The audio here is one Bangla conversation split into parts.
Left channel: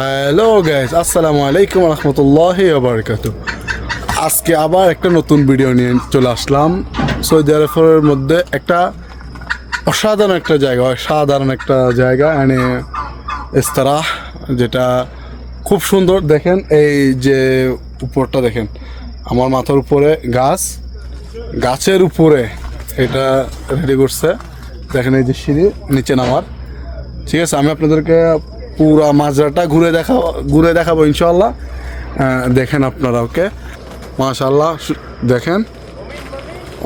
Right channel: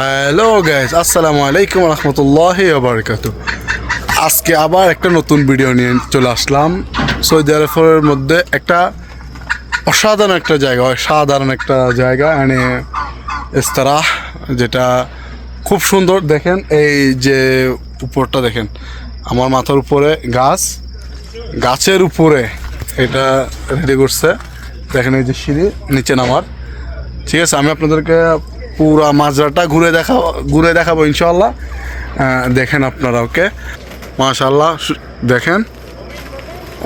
হ্যালো গাইস আসসালামু আলাইকুম রহমতুল্লাহ বারকাত আজকে আবার একটা নতুন ভিডিও নিয়ে চলে আসলাম। সৌদি আরবের মধ্যে একটা অসাধারণ একটা জায়গা, অসাধারণ একটা জায়গা মানে ইস্তারাহ, যেটা খুব সুন্দর। দেখেন, এই যে উপরটা দেখেন, আমার মাথার উপরে গাছ, গাছের উপরে এটা রেডি করছে। দেখেন, এই যে সিঁড়ি, নিচে নামার। ঠিক আছে, আমি আপনাদেরকে পুরা মাজরাটা ঘুরে দেখা ঘুরে দেখাবো ইনশাল্লাহ দেখেন আপনারা, ওকে? মাশাল্লাহ দেখেন?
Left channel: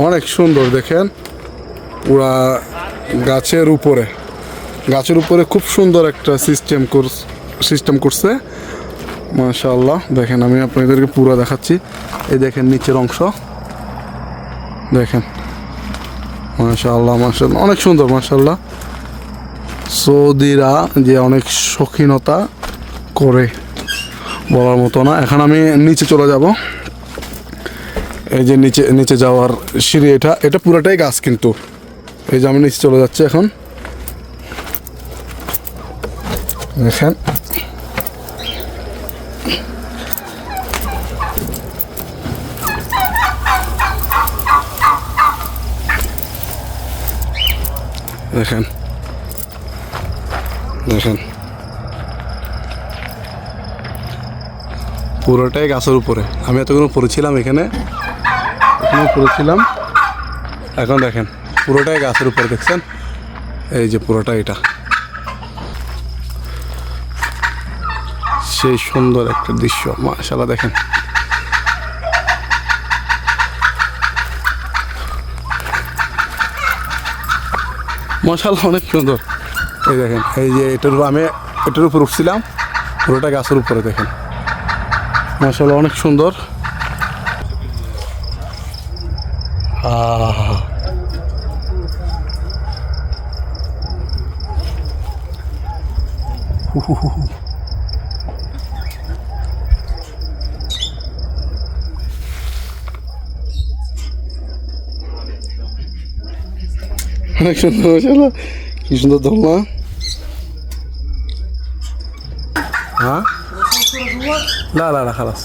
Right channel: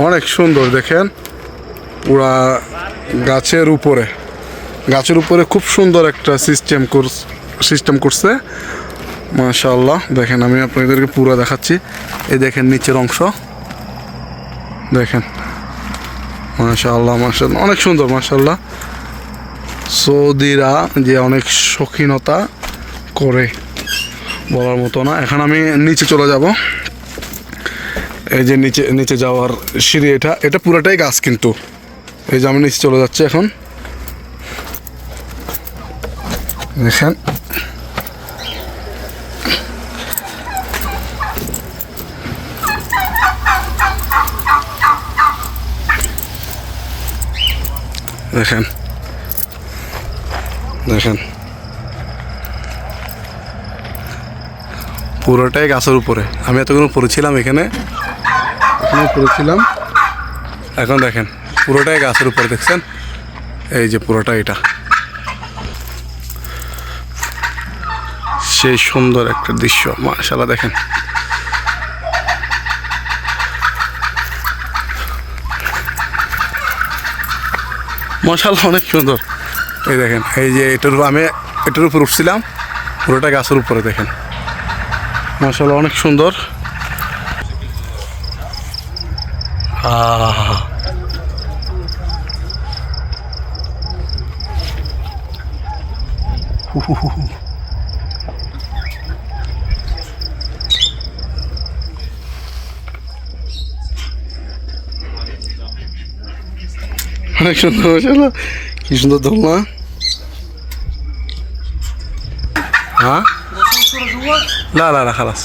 অনেক সুন্দর, দেখেন? পুরা গাছের উপরে। গাছের উপরে খুব সুন্দর একটা সিস্টেম সিস্টেম করছে। মাশাল্লাহ দেখেন, আমি আপনাদেরকে পুরো দেখাচ্ছি। এই দেখেন নিচের অংশ। দেখেন? মাশাল্লাহ মাশাল্লাহ অনেক সুন্দর মাশাল্লাহ সৌদিরা যে অনেক শৌখিনতা করে বলার মতো না। এখন আমি নিচে চলে যাব। এই যে নিচে নিচে যাওয়ার সিঁড়ি এটা। এটা পুরোটাই গাছ কিন্তু। এই যে আমি নিচে চলে যাচ্ছি এখন। দেখেন। দেখেন। দেখেন। পুরোটাই গাছের উপরে। আমি এতক্ষণ পড়েছিলাম এখানে। এখানে উপরে ছিলাম এখন দেখেন, পুরোটাই গাছের উপরে, দেখছেন? এই যে পুরোটা এটা। সেই সুন্দর একটা দৃশ্য মাশাল্লাহ দেখেন। মাশাল্লাহ অনেক সুন্দর। এই দেখেন, এই যে এটার উপর- আমি এটার উপর উঠছিলাম, পুরোটা গাছের উপরে দেখেন। মাশাল্লাহ অনেক সুন্দর। অনেক সুন্দর কি সুন্দর দোলনা হ্যাঁ না না না খালাস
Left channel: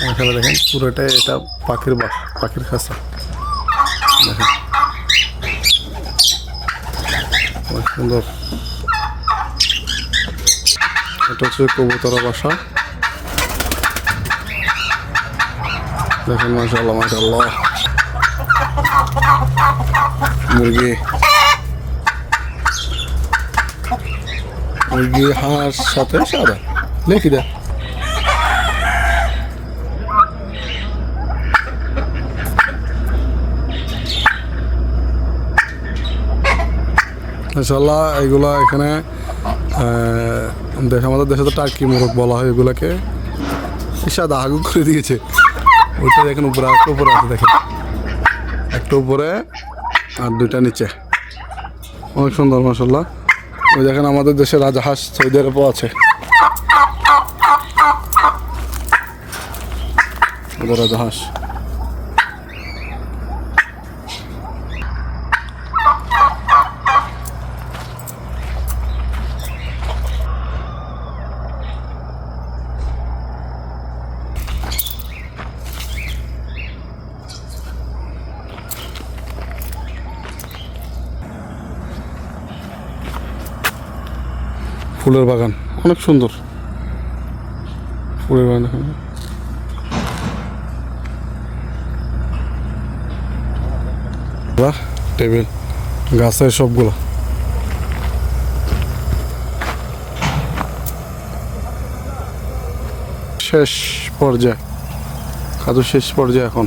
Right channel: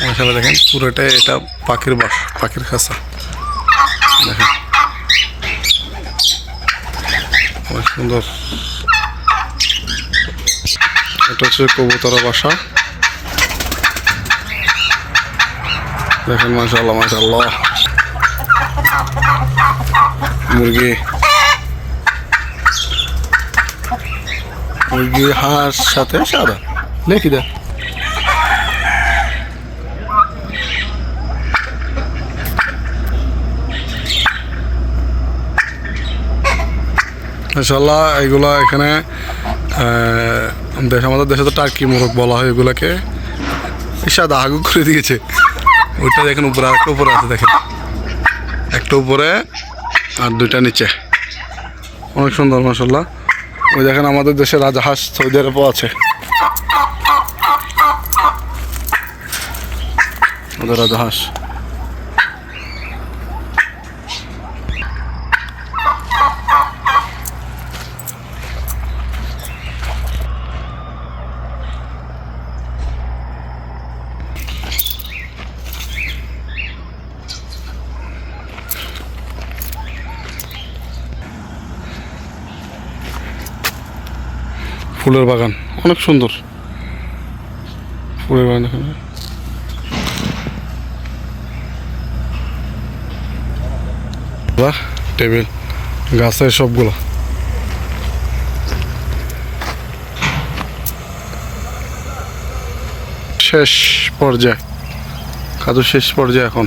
মাশাল্লাহ দেখেন পুরোটাই এটা পাখির বাস পাখির খাঁচা দেখেন অনেক সুন্দর এটা হচ্ছে কবুতরা বাসা দেখেন মাশাল্লাহ মাশাল্লাহ মুরগি মুরগি হাঁস সাথে সাদা লেখি দে মাশাল্লাহ এগুলা এখানে দেশ, আমাদের দেশে তো টার্কি মোরগ বলা হয় এগুলাকে। সাদা আগু করে দিয়েছে। ওইটা দেখেন উপরে, আরেকটা উপরে আছে, দেখেন। একটা উপরে আর দুইটা নিচে। অনেক সুন্দর মাসাল্লাহ ওই দেখেন আমাদের দেশে রাজাহাঁস সৌদি আরবও আছে। রাজা রাজাহাঁস। ফুলের বাগান, অনেক সুন্দর। ফুলের বাগান দেখুন। টেবিল, গাছের সবগুলো। শেষ পর্যায়ে কাজু শেষ পর্যায়ে এখন।